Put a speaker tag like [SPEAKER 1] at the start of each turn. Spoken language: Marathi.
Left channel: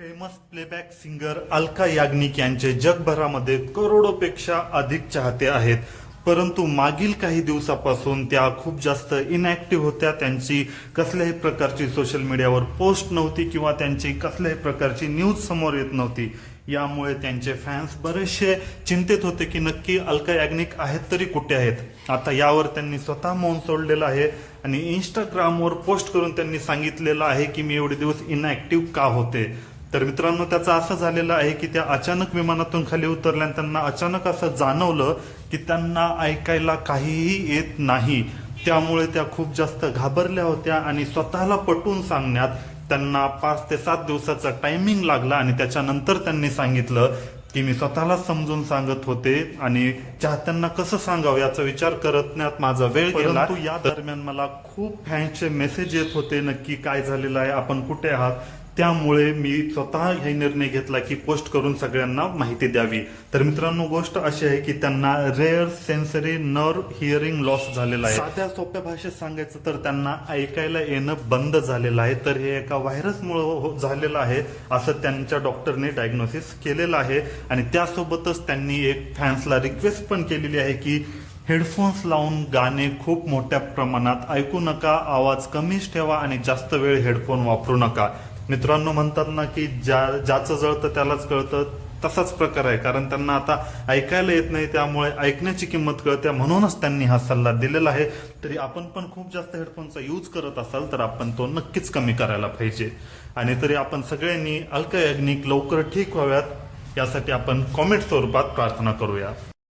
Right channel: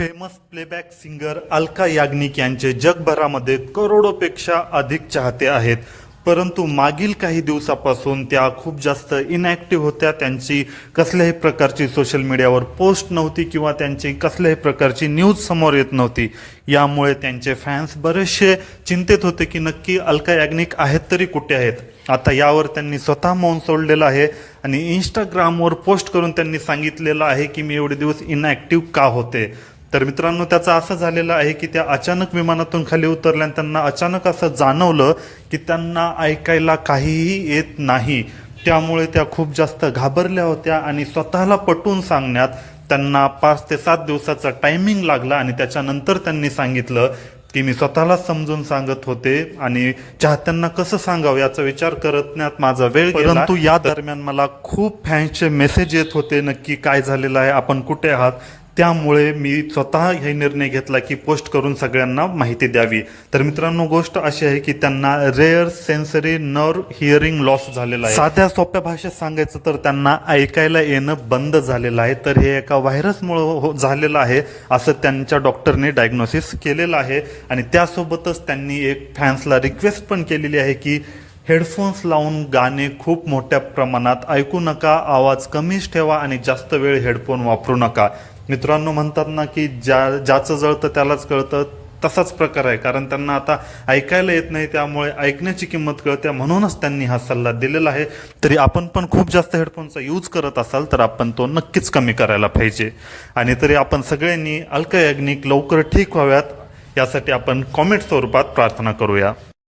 [SPEAKER 1] Famous playback singer Alka Yagnik यांचे जगभरामध्ये करोडोपेक्षा अधिक चाहते आहेत. परंतु मागील काही दिवसापासून त्या खूप जास्त इनॅक्टिव्ह होत्या. त्यांची कसल्याही प्रकारची सोशल मीडियावर पोस्ट नव्हती किंवा त्यांची कसल्याही प्रकारची न्यूज समोर येत नव्हती. यामुळे त्यांचे फॅन्स बरेचसे चिंतित होते की नक्की अलका याग्निक आहेत तरी कुठे आहेत? आता यावर त्यांनी स्वतः मौन सोडलेलं आहे आणि इंस्टाग्रामवर पोस्ट करून त्यांनी सांगितलेलं आहे की मी एवढे दिवस इनॅक्टिव्ह का होते? तर मित्रांनो त्याचं असं झालेलं आहे की त्या अचानक विमानातून खाली उतरल्या त्यांना अचानक असं जाणवलं की त्यांना ऐकायला काहीही येत नाही त्यामुळे त्या खूप जास्त घाबरल्या होत्या आणि स्वतःला पटवून सांगण्यात त्यांना पाच ते सात दिवसाचा टायमिंग लागला आणि त्याच्यानंतर त्यांनी सांगितलं की मी स्वतःला समजून सांगत होते आणि चाहत्यांना कसं सांगावं याचा विचार करण्यात माझा वेळ. परंतु या दरम्यान मला खूप फॅन्सचे मेसेज येत होते नक्की काय झालेलं आहे आपण कुठे आहात त्यामुळे मी स्वतः हे निर्णय घेतला की पोस्ट करून सगळ्यांना माहिती द्यावी. तर मित्रांनो गोष्ट अशी आहे की त्यांना rare sensory nerve hearing loss झालेला आहे. साध्या सोप्या भाषेत सांगायचं तर त्यांना ऐकायला येणं बंद झालेलं आहे. तर हे एका व्हायरसमुळे हो- झालेलं आहे असं त्यांच्या डॉक्टरने डायग्नोसिस केलेलं आहे. आणि त्यासोबतच त्यांनी एक फॅन्सला रिक्वेस्ट पण केलेली आहे की हेडफोन्स लावून गाणे खूप मोठ्या प्रमाणात ऐकू नका आवाज कमीच ठेवा आणि जास्त वेळ हेडफोन वापरू नका. मित्रांनो म्हणतात ना की ज्या ज्याचं जळतं त्यालाच कळतं तसाच प्रकार आहे. कारण त्यांना आता ऐकायला येत नाही त्यामुळे ऐकण्याची किंमत कळते. म्हणूनच त्यांनी हा सल्ला दिलेला आहे. तरी आपण पण खूप जास्त हेडफोनचा यूज करत असाल तर आपण तो नक्कीच कमी करायला पाहिजे. आणि तरी आपण सगळ्यांनी अल्कयाग्निक लवकर ठीक व्हाव्यात यासाठी आपण कॉमेंट स्वरूपात प्रार्थना करूया.